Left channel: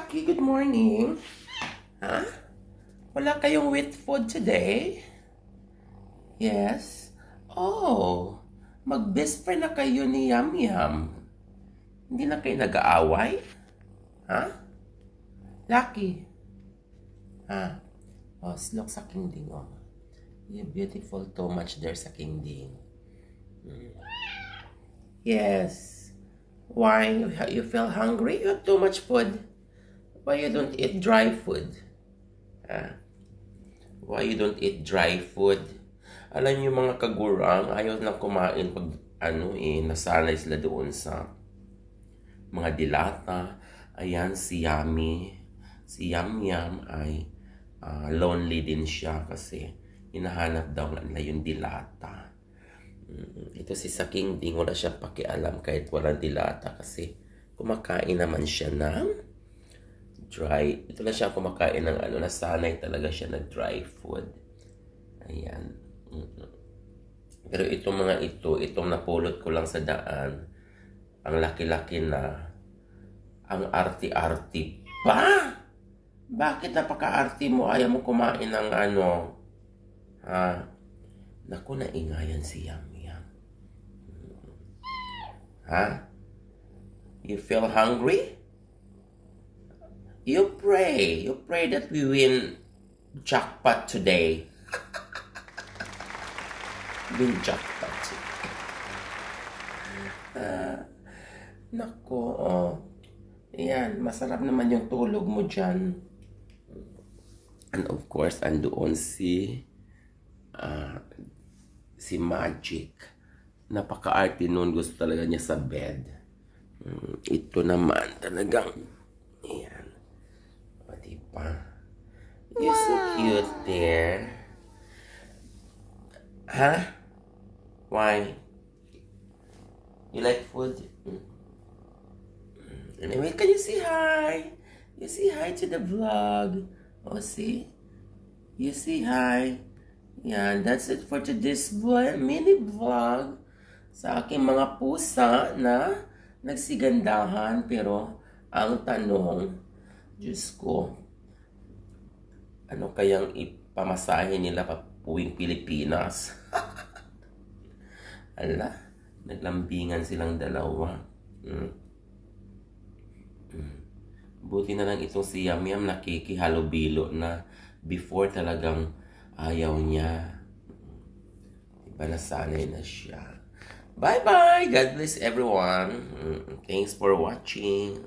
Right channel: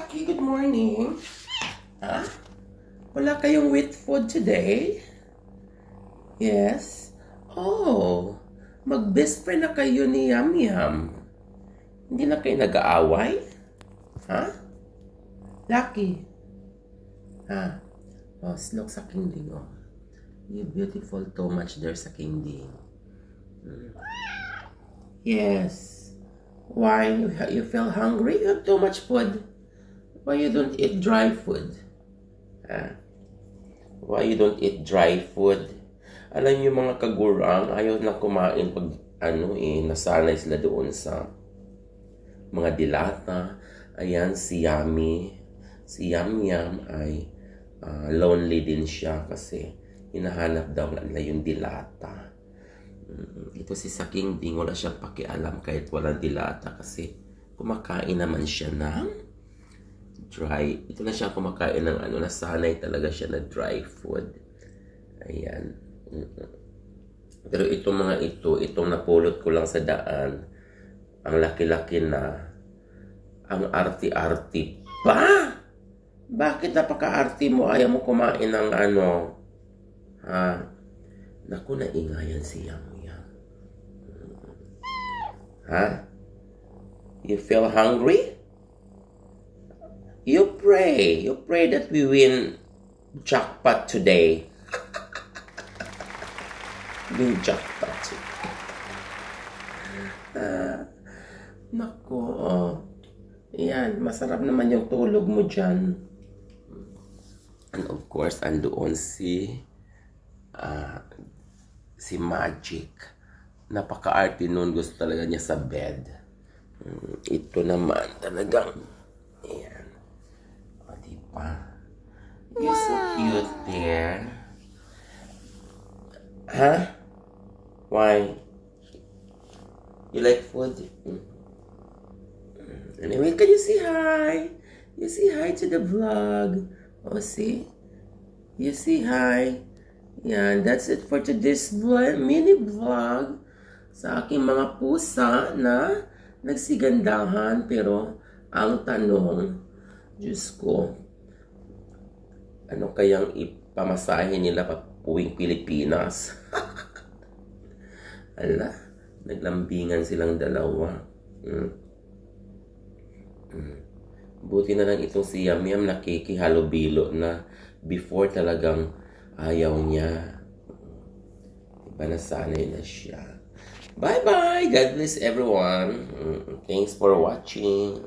Lucky, good morning. Huh? Wala kayong wheat food today? Yes? Oh, mag-best friend na kayo ni Yum Yum. Hindi na kayo nag-aaway? Huh? Lucky. Huh? Oh, look sa Kingding, oh. You're beautiful too much there sa Kingding. Yes. Why? You feel hungry? You have too much food. Why you don't eat dry food? Huh? Why you don't eat dry food? Alam niyo mga kagurang, ayaw na kumain pag nasanay sila doon sa mga dilata. Ayan, si Yummy. Si Yum Yum ay lonely din siya kasi hinahanap daw nila yung dilata. Ito si Saking Ding, wala siyang pakialam kahit walang dilata kasi kumakain naman siya ng dry. Ito na siya kumakain ng nasanay talaga siya na dry food. Ayan. Pero itong mga itong napulot ko lang sa daan, ang laki-laki na, ang arti-arti pa! Bakit napaka-arti mo? Ayaw mo kumain ng ha? Naku, naingayan si Yum Yum. Ha? You feel hungry? You pray. You pray that we win jackpot today. Win jackpot today. Naku, Yan, masarap naman yung tulog mo dyan. And of course, andoon si Magic. Napaka-arte nun. Gusto talaga niya sa bed. Ito naman talagang ayan. O, diba? You're so cute there. Huh? Why? You like food? Anyway, can you say hi? You say hi to the vlog. Oh, see? You say hi. Yan, that's it for today's mini vlog sa aking mga pusa na nagsigandahan. Pero ang tanong, Diyos ko, ano kayang ipamasahe nila papuwing Pilipinas? Ala, naglambingan silang dalawa. Buti na lang itong si Yum Yum nakikihalubilo na. Before talagang ayaw niya. Diba nasanay na siya. Bye-bye! God bless everyone. Thanks for watching.